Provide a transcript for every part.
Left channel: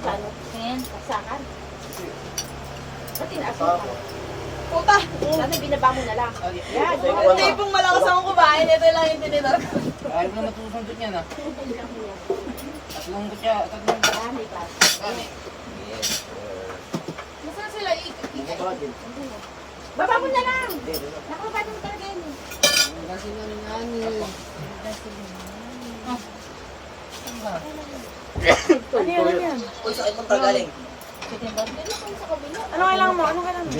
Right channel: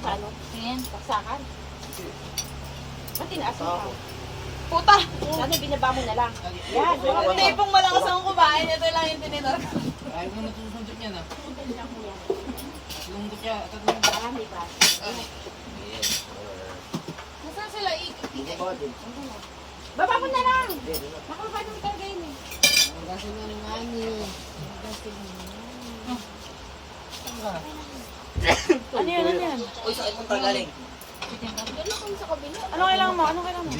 sa ano? Ayan. Saksakan. Ba't tinaas mo pa? Puta! Ano, binaba mo na lang. Yan. Hindi pong malakas ako kumain. Ito lang yung tinidor. Ayaw mo naman tutusundot niya na. Tatlong kutya, tatlong Ah, may class. Nasaan sila ikot? Baba mo na lang. Nakababa mo talaga yan eh. Ano yan? Ano yan? Uy, sakit mong tagaling. Ano kailangan mo? Ano kailangan mo?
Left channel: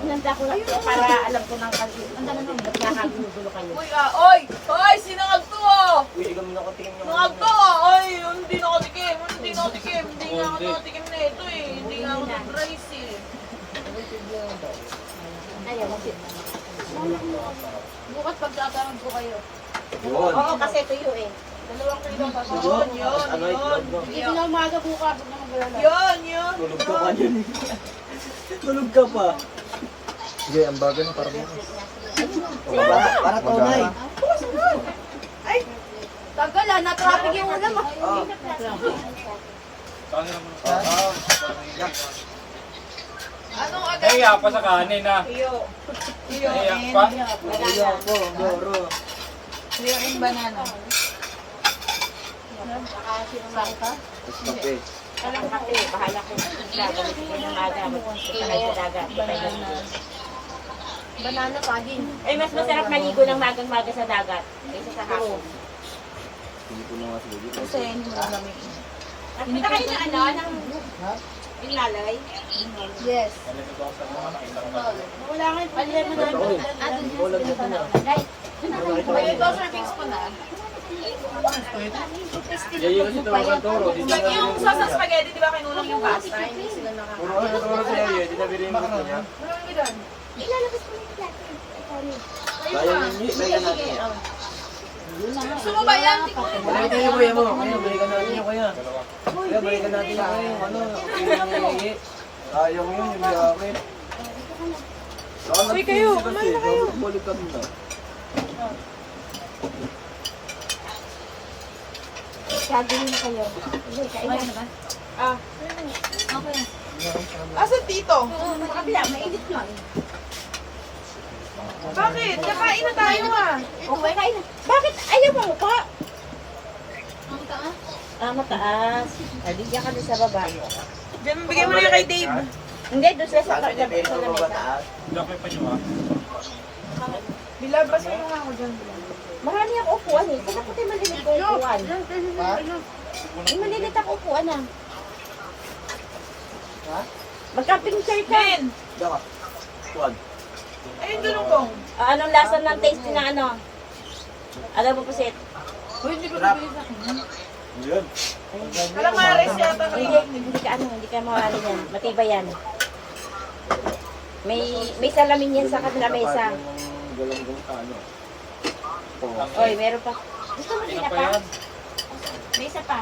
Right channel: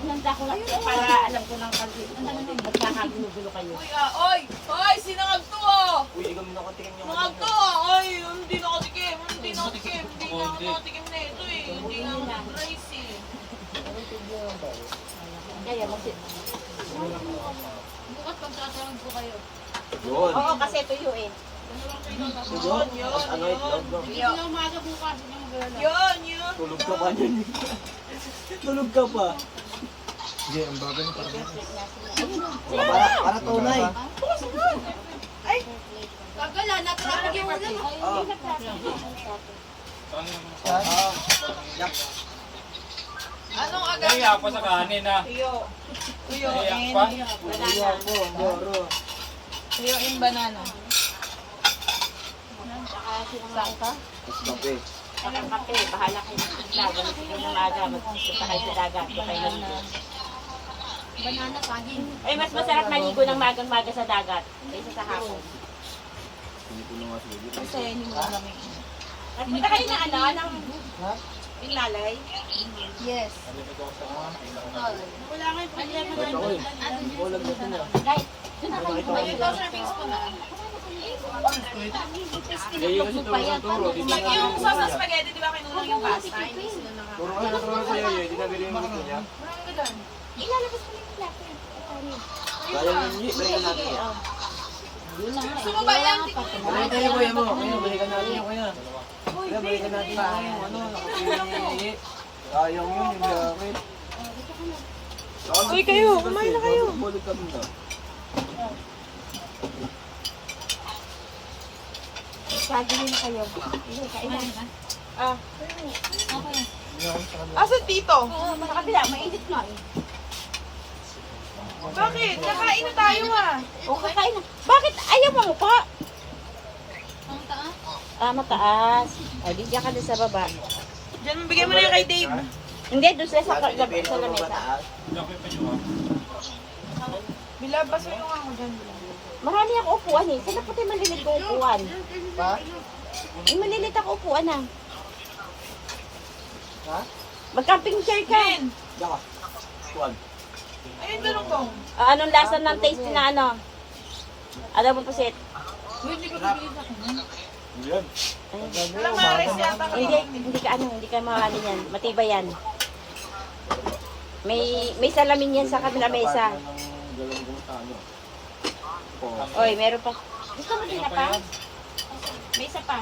Hinanda ko lang para alam ko ng kasi. Ang dami nung ba't nakagulo kayo? Uy, oy! Oy! Sinangag to oh! Uy, ikaw muna ko tingin yung... Nangag to oh! Oy! Hindi na ako tikim! Hindi na ako tikim! Hindi na ako tikim na ito eh! Hindi na ako nag-rice eh! Kayo, Bukas pagtatanong ko kayo. Yun. oo, kasi tuyo eh. Dalawang kilo Yun, tapos. Yun! ano, itlog, no? Hindi na umaga bukas. Yun! Yun! Tulog ka pa dyan. Tulog ka pa. Sige, ang bagay ng parang Para tunay. Ay! Tagal ah! Na-traffic yung ulam ah! Anong agad? Nahiya pa sa kanin ha. Iyo. Iyo. Nahiya pa. Iyo ako, goro. Iyo yung banana. Tapos kape. Alam kape, bahala kayo. Laban ko ng umaga. Magsasahay sa dagat. Banana saging. Eh, mas masarap maligo ng magang-maga sa dagat. Kaysa sa hapon. Hindi ko na nga sige. Kasi hindi mo lang namin. At punta kayo na ano, ng yung lalay. Yes. Wala nga yung problema na. Kulang na na. Ay, May ito sa fix ko na. Yayo kasi tawagan to. Yung sauce sa spaghetti, di ba kinulang yung pasta? Hindi sila Puro ano tawagan sa yayo. Di nabili yung gusto niya. ilalabas ko lang natin. Kaya ninyo, balikan natin. Gusto mo ba yan? Balikan niyo kuya mo. Kuya, balikan natin yung kuya. Kuya, balikan natin yung kuya. Yung ano, yung iye. Ayaw yun, yung yakit. Uy, kayo, kumain na kayo. Balik kami na. Gagawin kayo. Hindi, kailan na ba? Ah. Asan tito? Sa kabila, mainit nga eh. Bakit? Kakain na tayo ah. Okay, kain na. Bakit ayaw mo ko? Ah, mataas. Ay, bigyan ka doon sa baba. Diyan, bigyan mo na yan kay Dave. Hindi, doon sila sa Sabi ni Pedro, sa lamesa. mataas. Laki pa nyo ha. Bilabasin mo nga ako dyan. Marami ang upuan eh. Sila po tayo malilit ko upuan. May malilit ang upuan ah. Mag-camping chair ka. Ben! Dapat. Tuwag. Ayun, dalong kong. Ah, anong lasa ng taste na ano? Ano mo pusit? Uy, hindi ko nabili sa akin. Yun. Calamares yata Hindi ka ano, hindi ka maano yan. Matibay yan. May salamin yan sa kabila mesa. Galong-galong ka, ano. Oy, meron pa. Gusto mo Sino sila pa pa? yan? May isa pa.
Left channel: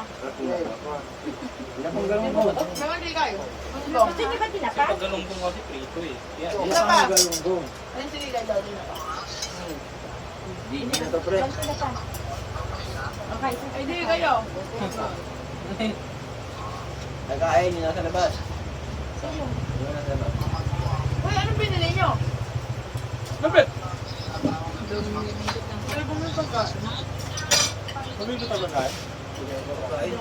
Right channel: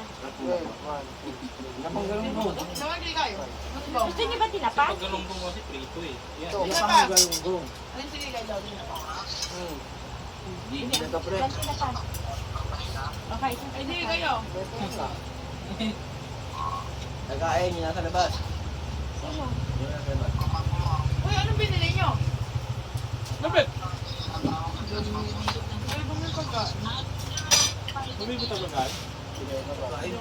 Pinapanggalong mo. Naman di kayo. Gusto niyo ba tinapa? Pag galunggong kasi prito eh. Yan. Isa pa. Galong-galong. Ayun, sige, lalo na pa. Hindi na to, pre. Wala tinapa. Okay, isa Ay, di kayo. Nagkain, yun nasa labas. Sino? Yun nasa labas. Uy, anong binili nyo? Lapit! Ano ba may pagkain? Bumili ka ba guys? Kain.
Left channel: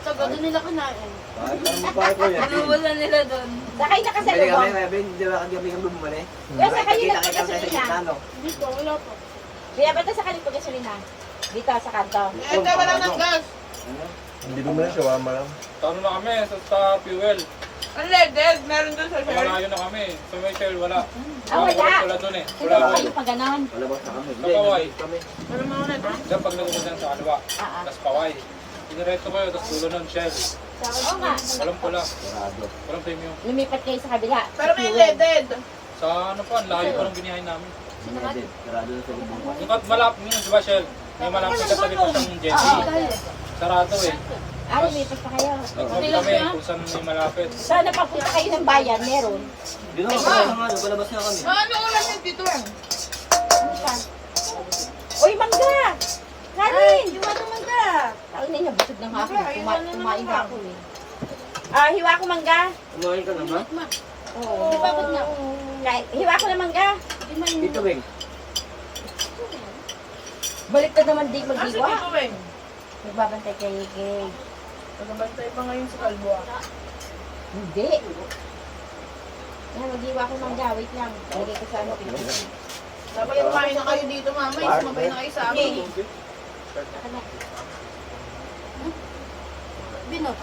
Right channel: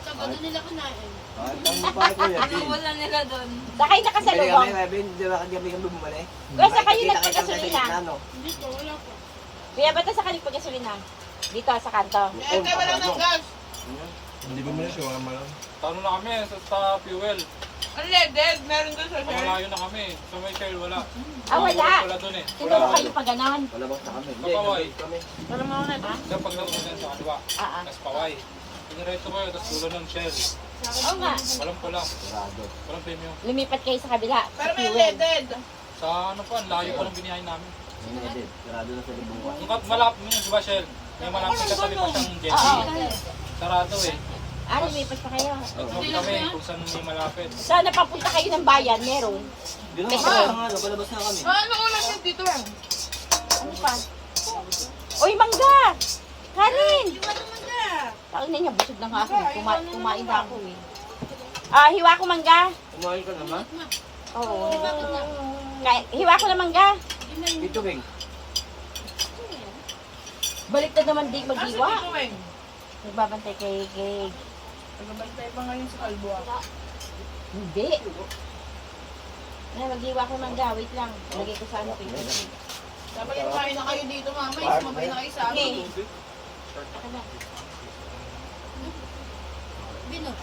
Tagal na nila kinain. Kahit ano mo pa kuya. Wala nila doon. Sakay na ka sa Bili kami, lubong. Kevin. Di ba kagabi kami bumali? Kuya, sakay na Kita-kita tayo sa gitna, no? Hindi ko, wala po. Kuya, ba't sa kaling pagkasulina? Dito, sa kanto. Eh, tayo wala ng gas. Hindi ko muna, shawarma lang. Tano na kami sa fuel. Unleaded, meron doon sa share. Malayo na kami. Sa may shell wala. Ah, wala. Wala doon eh. Kasi Wala ba doon. kayo pa ganon? Palabas na kami. Kapaway. Kami. Ano mo na ito? Diyan pag nagpunta dyan sa kaliwa. Tapos paway. Pinareto kayo, tapos dulo ng shell. Oo nga. Walang pula. Sarado. Walang premium. Lumipat kayo sa kabila. Pero may Fuel. leaded. Sa ano pa, ang layo pa ng binihay namin. Sinedid. Sarado na sa lubong. Yung malapit yun, di ba shell? May malapit sa tabi pa siyang jetty. Sarado eh. Ah, lumipat pa kayo. Nagsabi kami kung saan may malapit. Saan napapunta kayo ng bayan? Meron. Di ba, palabas na nga, palabas na kami. Ano ulam yung dito yan? Ano pa? Uy, mangga! Kanin! Yung ano mangga? Taon na niya, busog ng nga ako. Kumain ako eh. Ah, hiwa ko mangga. Kumain ka naman? Oo. Hiwa ko na mangga. Dito, Beng. Balik na naman di Asa maghiwa. dito, Weng? Nagbabantay kay Gay. Nagabantay pa ngayon sa kalbuwa. Hindi. Na, maghiwa ko mangga. Wait lang. Lagay ko sa ano. Dapat kumain na kayo dito, mama. Sumabay na kayo sa amin. Binot.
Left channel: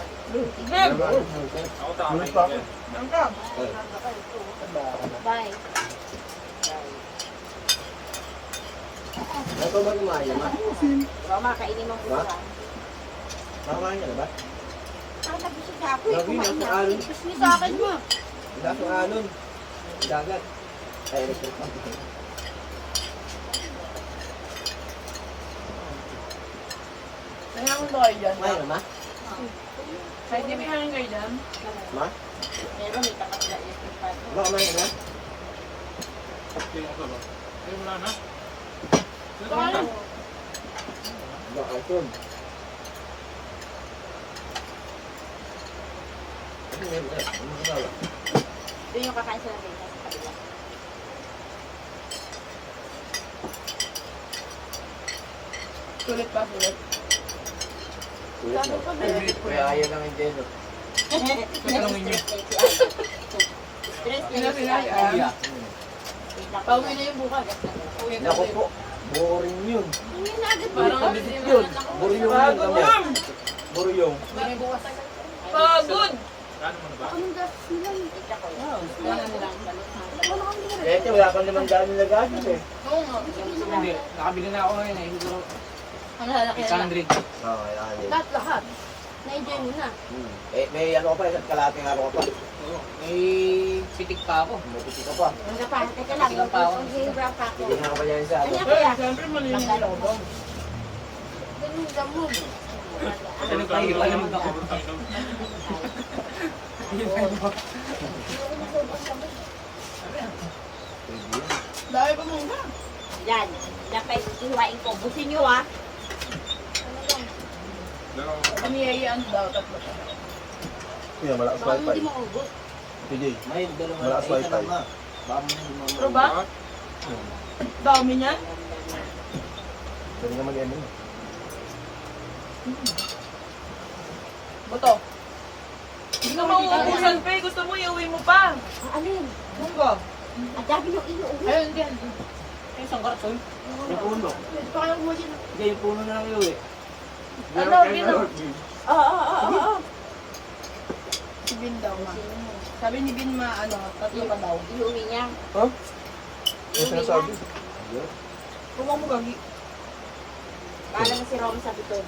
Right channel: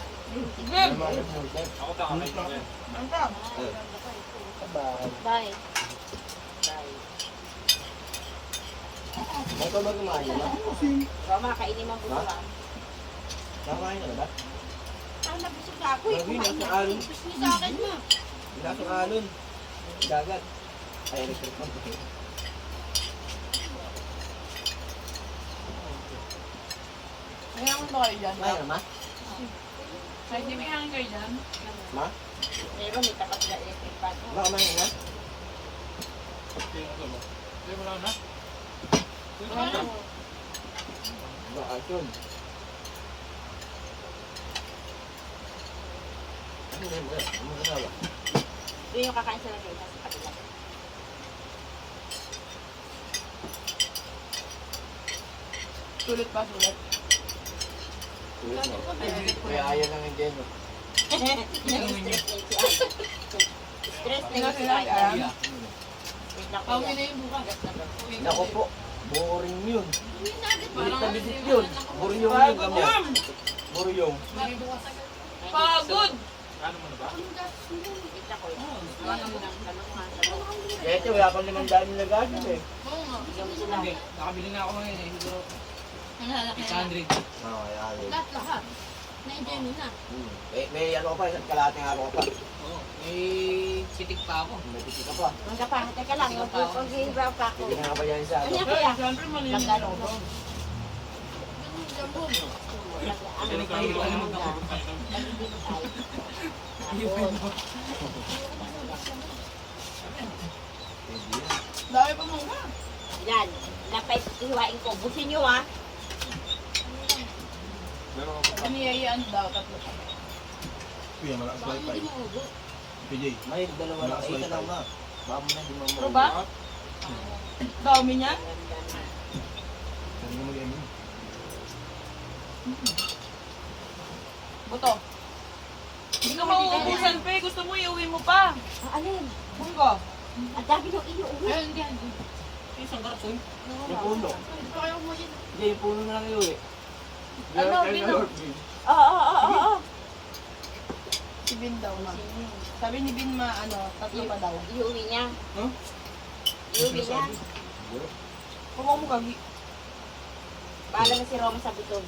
Ako tama pa. Bye. Ito ba kumain, ma? Baka makainin mo buwan. Kumain ka na ba? Ah, nabusog ka ako eh. Lagi, Kumain nasa na. alon. Ipos mo sa akin mo. Lasong alon. Dagat. Ay, electric pa. Nangyamon ba kayo dyan? Kumain ka, ma? Kahit di may hangin kayo dyan? Ma? Meron, may kakasya electric fan. Ma, kumain ka na? Eh, wala na. Kaya, Ma, alcohol. Ano yun, ba? Ano mo kasama? Doon yung kakain sa lagay. Nasa kabila. sulit pa, sulit. Tulit mo. Kaya ayaw lang yung Jeno. Sila, Iya. pauwi na yung bukas. Naku po. Boring yun. Parang Pabisip yun. Buryong yun kami. Buryong. pagod. Ano mo na ba? Kaya ito, wala pang 500 na gastos eh. Oo nga. Hindi, nakabili na ako ngayon eh. Siguro Ang lalaki na. 800. Oo, kaya Lahat. Na-enjoy mo na. May ano ka pa, kalating araw ka pa. Oo, may pitik pa ako. May piti ka pa. Ang kapahit ka lang. Sige pa ako. Mag-brown pa ako. Sige na ka pa yan sa ano. Kanya kaya. Siyempre, malinis na ako. Ganun gamon. Ano pa, iba naman ako. Dahil pa muna. Yan. Napay ihiwain ko. Busin nyo ah. Aniyayaan daw, tatlo pa. Kuya, malakas Baka wifi. hindi mo ubos. PJ, May dalawa na malakas kayo wifi. na ma. Baka mo na hindi mo Pero ba? Dami niyan? Pwede naman yan yun. Buto. Hindi ka mauubusan pa eh. Gusto mo, iuwi mo pa. Ang alin. Munggo. Ang dami yung iuwi. Ayun, diyan. Ay, isang karton. Yung puno. Ito kayo mo sila. Hindi, yung puno na kayo eh. Ano, Bino? Oo. Si Bin daw, ma. Sabi ni Bin, ma, ano, tatlo pa daw. Iuwi niya. Huh? Ano Iuwi niya. sinasabi? Huwag mo gagi. Para na si Roma sa bito.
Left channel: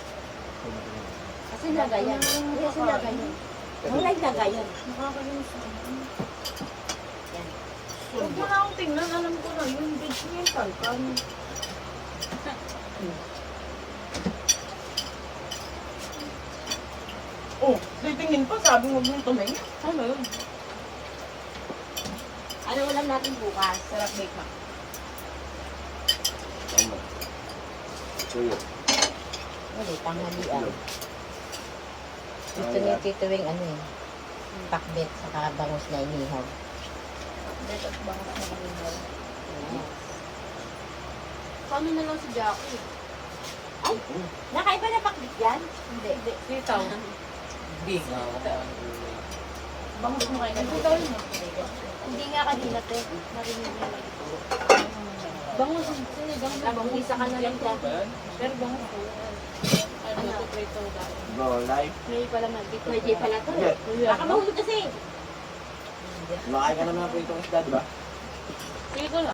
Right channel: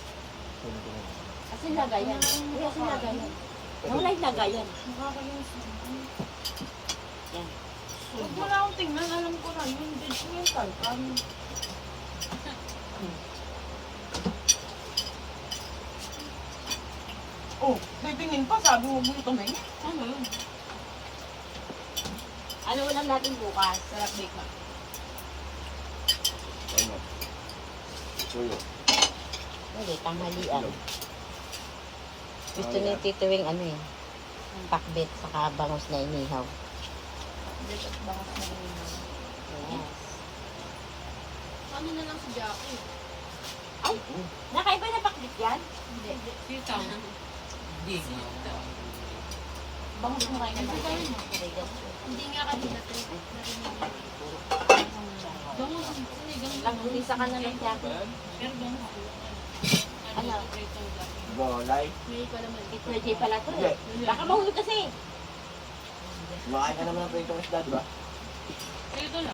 Kasi nagayan. Kasi nagayan. Ang live nagayan. Yan. Huwag mo na akong tingnan. Alam ko na yun. Judgmental ka. Oh, titingin pa. Sabi mo mo ito na yun. Ano yun? Ano ulam natin bukas? Sarap bake na. Ano? Tuyo. Ano, tanghalian. Gusto ni Tito Wing ano eh. Pakbet sa bangus na inihaw. Bake at bang na Yes. Paano na lang si Jackie? Ay, nakaiba na pakbet yan? Hindi. Sitaw. Hindi. Bangus mo kayo. Hindi tayo mo. Hindi nga kanina te. Narinig niya. Bangus. Isa ka na lang dyan. Pero bangus ko. Ano? Go, live. Pwede pala to. Baka mahulog kasi. Makain ka na ng pritong isda, di ba? Dito na.